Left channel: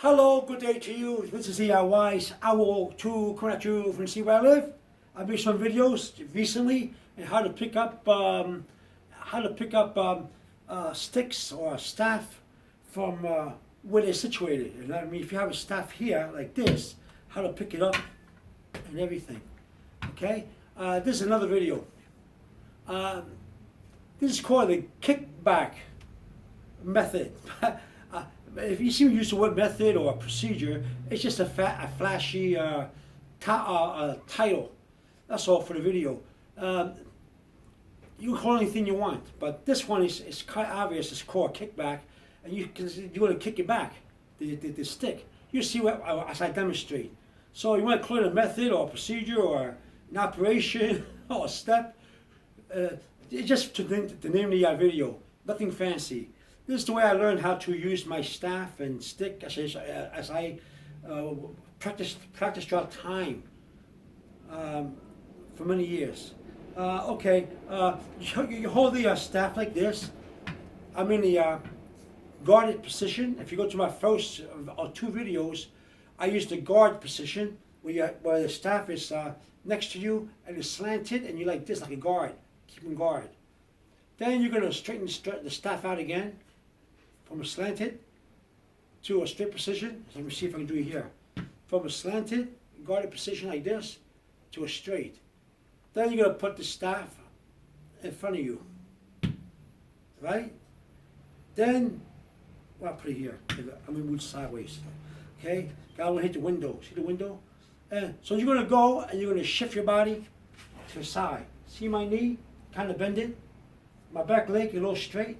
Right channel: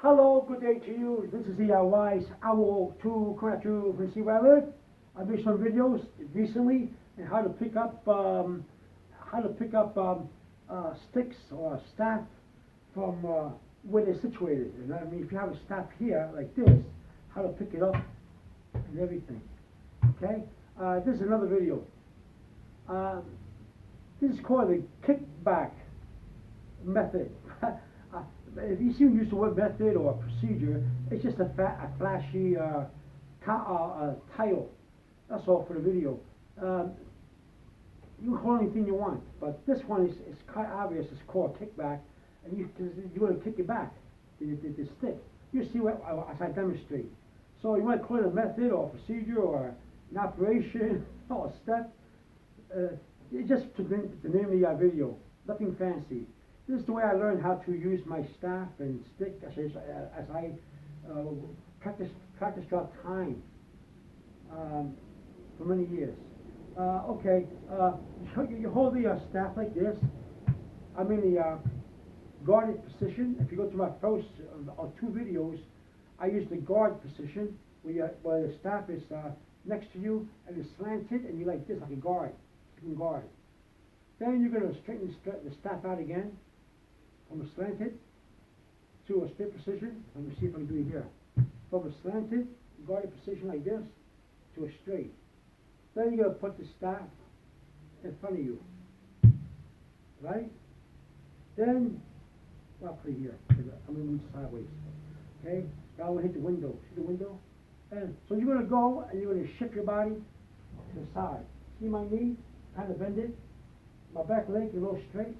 Hello, good day to you. This is the Wise Owl 2 coming at you from see where I live. I've made some videos recently on how to pick up sticks or staff from where they're situated. And I mean, if you have a staff here like this, how to pick it up and everything. Okay, this is another video. This is called the kickback method. If you see me use the word method or procedure, it's just a flashy title. That's all for the video. You can call anything you want, but this one is quite obvious. It's called kickback, and you're going to kick it back, the stick. You see what as I demonstrate. So you want to call it a method or a procedure or an operation or a step. It's just to the name of the video. Nothing fancy. This is the way I learned how to use my staff and stick as I practice throughout time for many years. Okay, you hold the staff like this. I'm in the guarded position. If you go to my first or two videos, I use the guard position where the staff is next to you and it's slanted and you're like this, like a guard, keeping guard. Then you're going to straighten the staff out again from a slanted to a straight position. Let me see if I can do it here. From a slanted, guarded position like this to a straight. Then you're going to put the staff in front of you, right? Then, well, I'll put it here. I'm going to move sideways. Okay? I want to hit the window. See the window? And so you're going to go and you're going to shift your body to the side. See my knee? Kind of bend it. My back leg a little straight.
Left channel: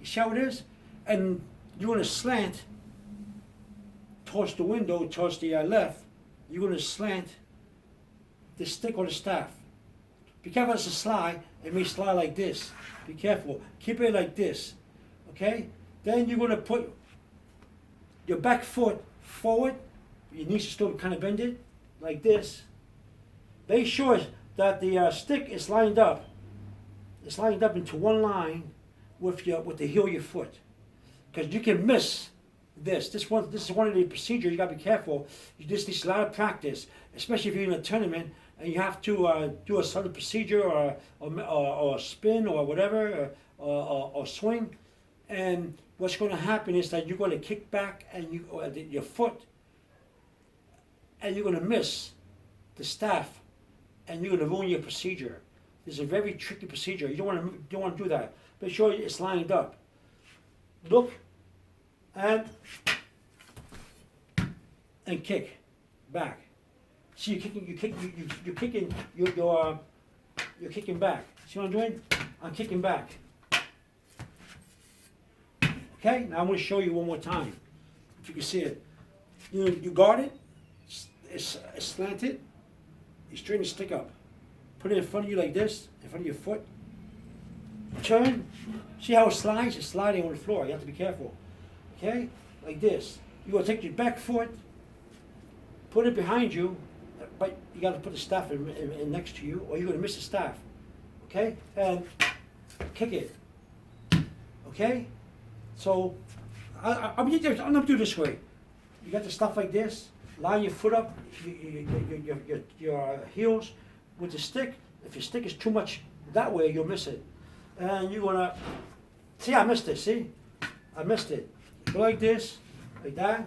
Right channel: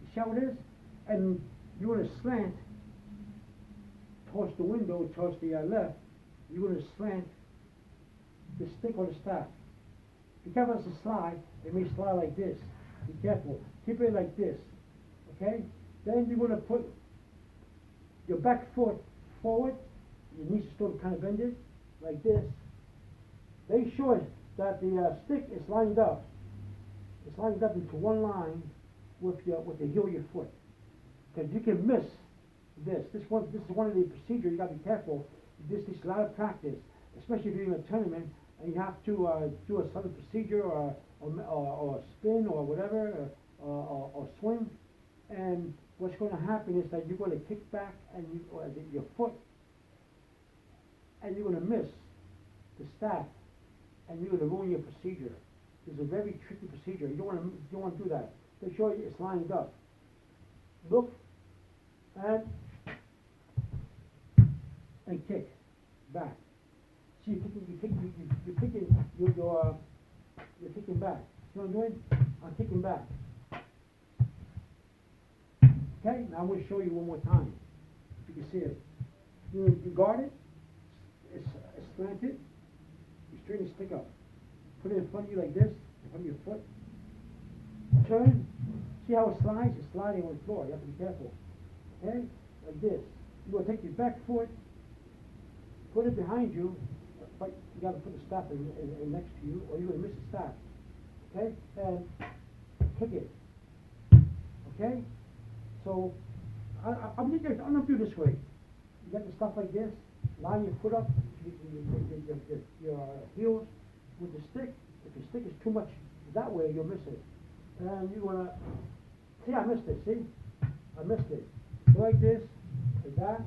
You see how it is? And you're going to slant towards the window, towards the left. You're going to slant the stick or the staff. Be careful as a slide. It may slide like this. Be careful. Keep it like this. Okay? Then you're going to put your back foot forward. Your knees are still kind of bended like this. Make sure that the stick is lined up. It's lined up into one line with the heel of your foot. Because you can miss this. This is one of the procedures. You got to be careful. This needs a lot of practice, especially if you're in a tournament and you have to do a certain procedure or a spin or whatever or swing. And what's going to happen is that you're going to kick back and your foot, and you're going to miss the staff, and you're going to ruin your procedure. This is a very tricky procedure. You don't want to do that. Make sure it's lined up. Look and kick back. See, you're kicking back. See what I'm doing? I'm kicking back. Okay. Now I'm going to show you one more time. If you can see it, you guard it. It's slanted. You straighten the stick up. Put it in front of you like this, in front of your foot. Turn. See how it slides? It's sliding on the floor. You have to be careful. Okay? Like this. You're going to take your back foot, put it behind you, but you got to put the staff in next to you, or you're going to miss the staff. Okay? And kick it. Okay? So, I'm going to do it this way. You got the stuff like this. Line your foot up, your heels with the stick. If your stick is too much that way, you'll miss it. And you're gonna see. I missed it. See, I missed it. Go like this, like that.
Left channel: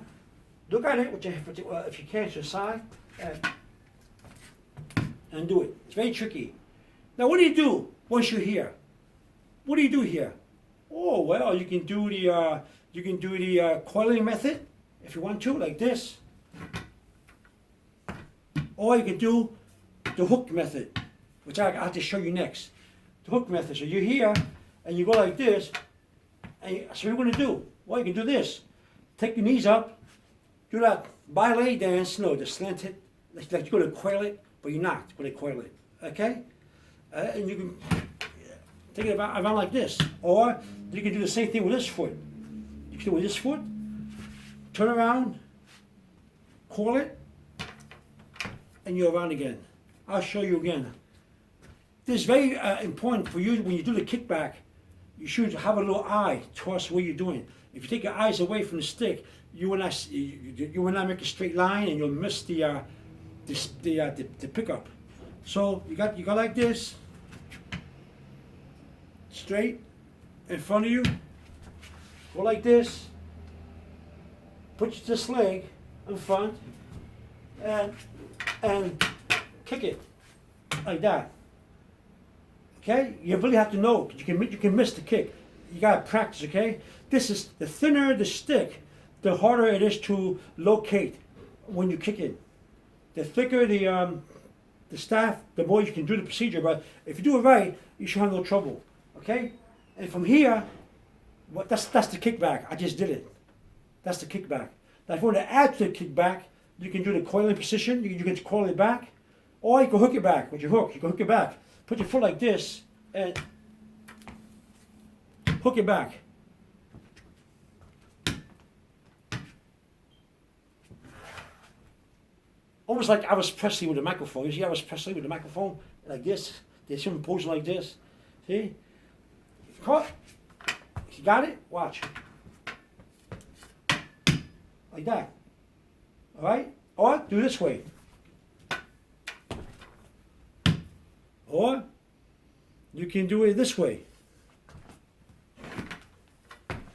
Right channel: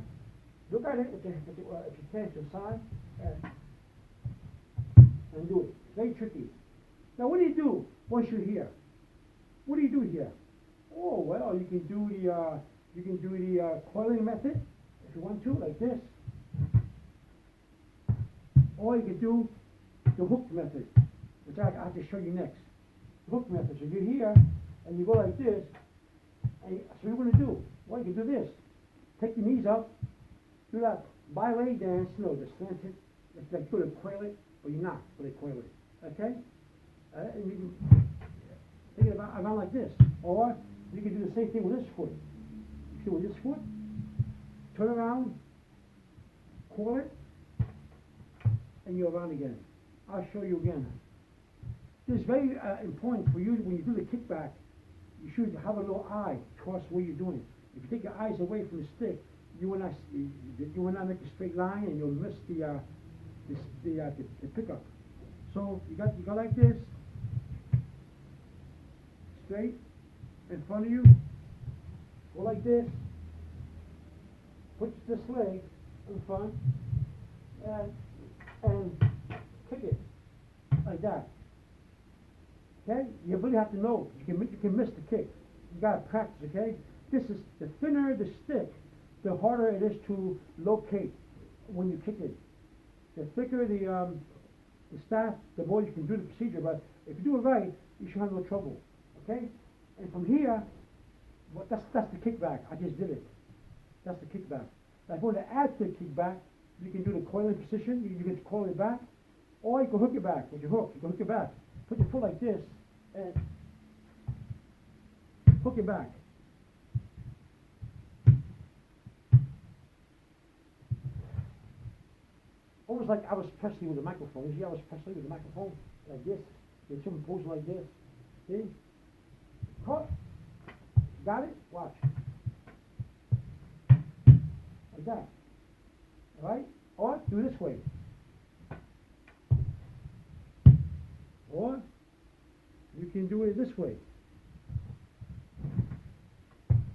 Look at it if you can to the side, and do it. It's very tricky. Now, what do you do once you're here? What do you do here? Oh well, you can do the coiling method if you want to, like this. Or you can do the hook method, which I have to show you next. The hook method. So you're here, and you go like this, and so what you're going to do? Well, you can do this. Take your knees up, do that ballet dance, the slanted, like you're going to coil it, but you're not going to coil it. Okay? And you can take it around like this. Or you can do the same thing with this foot. You can do it with this foot, turn around, coil it, and you're around again. I'll show you again. This is very important for you when you do the kickback. You should have a little eye towards what you're doing. If you take your eyes away from the stick, you will not make a straight line, and you'll miss the pickup. So you got like this, straight in front of you. Go like this. Put this leg in front, and kick it like that. Okay, you really have to know. You can miss the kick. You gotta practice. Okay, this is the thinner the stick, the harder it is to locate when you kick it. The thicker the staff, the more you can do the procedure. But if you do it right, you should have no trouble. Okay, and from here, that's the kickback. I just did it. That's the kickback. Now, if you want to add to the kickback, you can do the coiling position. You can coil it back, or you can hook it back with your hook. You can hook it back. Put your foot like this and hook it back. Almost like Elvis Presley with a microphone. You see Elvis Presley with a microphone like this? There's someone posing like this. See? Caught. You got it? Watch. Like that. All right? Or do this way. Or you can do it this way.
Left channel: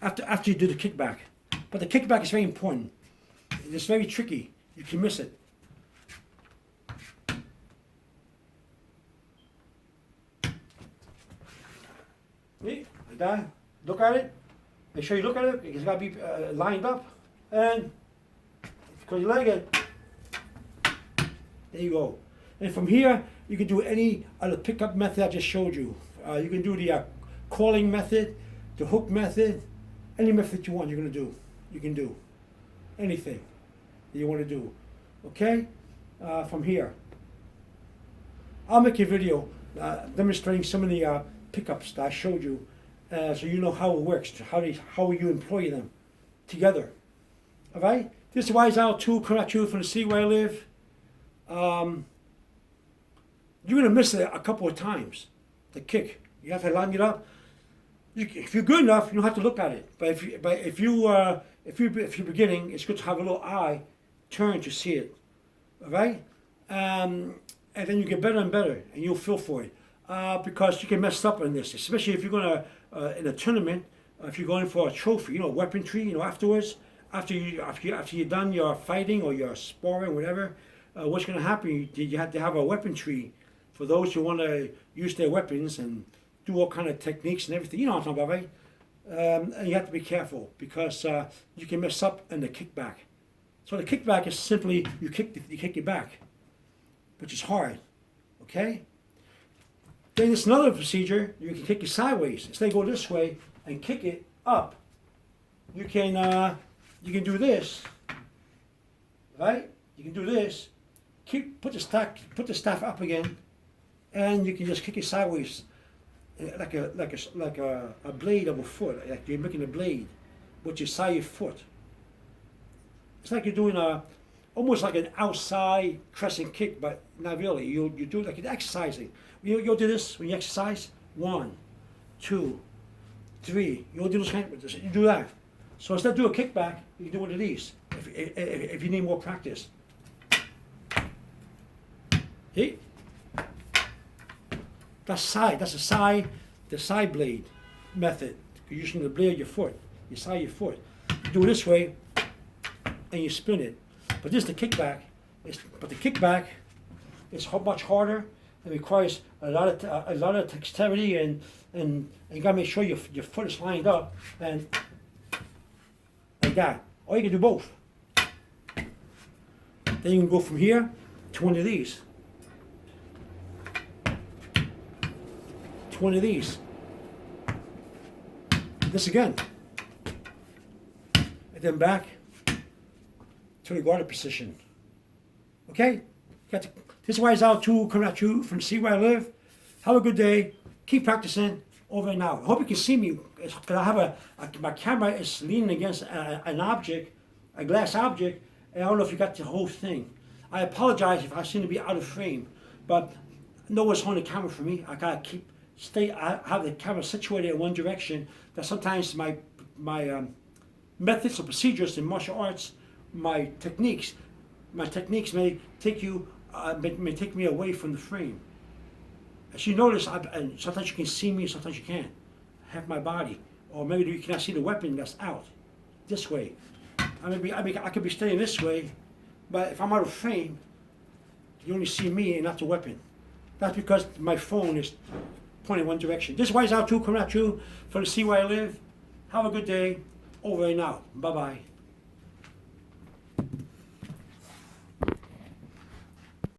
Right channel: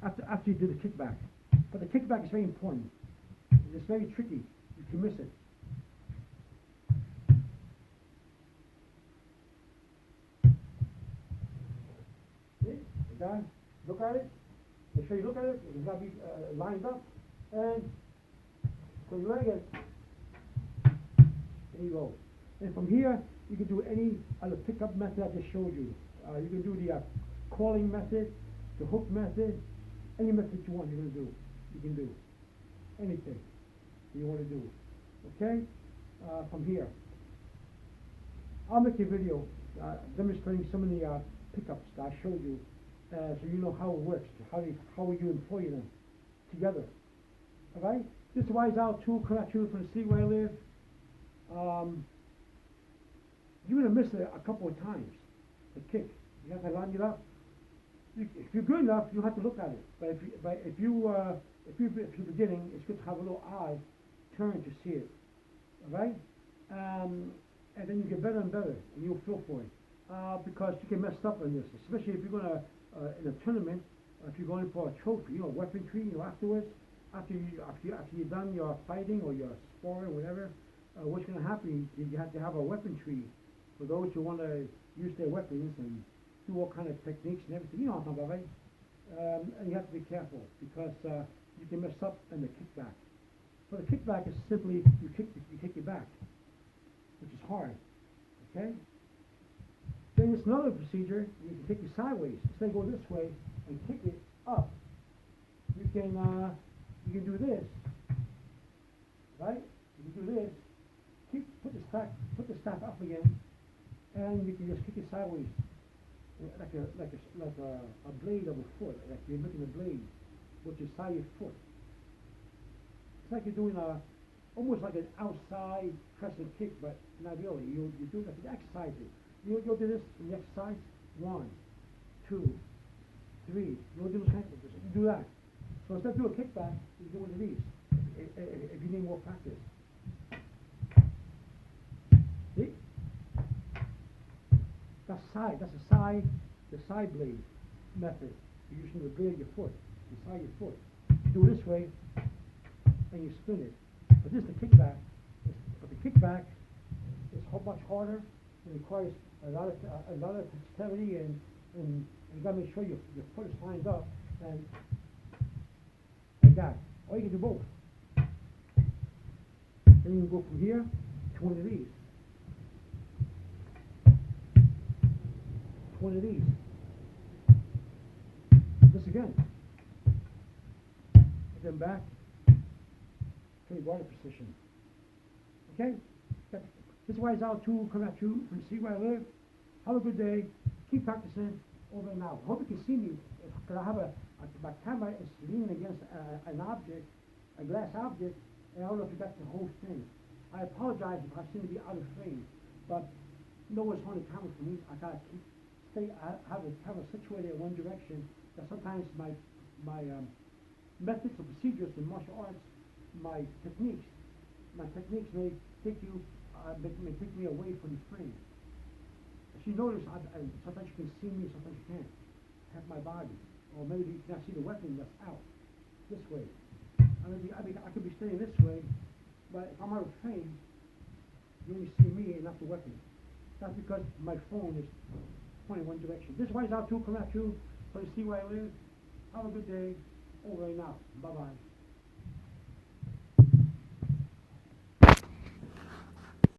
After you do the kickback. But the kickback is very important. It's very tricky. You can miss it. See? Like that. Look at it. Make sure you look at it. It's got to be lined up. And because you like it, there you go. And from here, you can do any other pickup method I just showed you. You can do the calling method, the hook method, any method you want. You're gonna do. You can do anything that you want to do. Okay? From here, I'll make a video demonstrating some of the pickups that I showed you, so you know how it works, how you employ them together. All right? This is YSL2 coming at you from the city where I live. You're gonna miss it a couple of times. The kick, you have to line it up. If you're good enough, you don't have to look at it. But if you're beginning, it's good to have a little eye turn to see it. All right, and then you get better and better, and you'll feel for it because you can mess up in this, especially if you're gonna in a tournament. If you're going for a trophy, weaponry, afterwards, after you're done your fighting or your sparring, whatever, what's gonna happen? You have to have a weaponry for those who want to use their weapons and do all kind of techniques and everything. You know what I'm talking about, right? And you have to be careful because you can mess up in the kickback. So the kickback is simply you kick it back, which is hard. Okay. Then there's another procedure. You can kick it sideways. Instead of go this way and kick it up, you can do this. Right? You can do this. Put the staff up again, and you can just kick it sideways, like a blade of a foot. Like you're making a blade, with your side of your foot. It's like you're doing almost like an outside crescent kick, but not really. You do it like you're exercising. You'll do this when you exercise. 1, 2, 3. You'll do this kind of, you do that. So instead of doing a kickback, you can do one of these if you need more practice. See? That's the side blade method. You're using the blade of your foot, your side of your foot. You do it this way, and you spin it. But this is the kickback. But the kickback is much harder. It requires a lot of dexterity, and you gotta make sure your foot is lined up and like that. Or you can do both. Then you can go from here to one of these. To one of these. This again. And then back to the guarded position. Okay? This is YSL2 coming at you from See Where I Live. Have a good day. Keep practicing. Over and out. I hope you can see me because I have my camera is leaning against an object, a glass object, and I don't know if you got the whole thing. I apologize if I seem to be out of frame, but no one's holding the camera for me. I gotta I have the camera situated in one direction. That sometimes my methods or procedures in martial arts, my techniques may take you, may take me away from the frame. As you notice, and sometimes you can see me, sometimes you can't. Half my body, or maybe you cannot see the weapon that's out this way. I could be staying this way, but if I'm out of frame, you only see me and not the weapon. That's because my phone is pointing one direction. This is Wise Out 2 coming at you from the Sea Where I Live. Have a good day. Over and out. Bye-bye.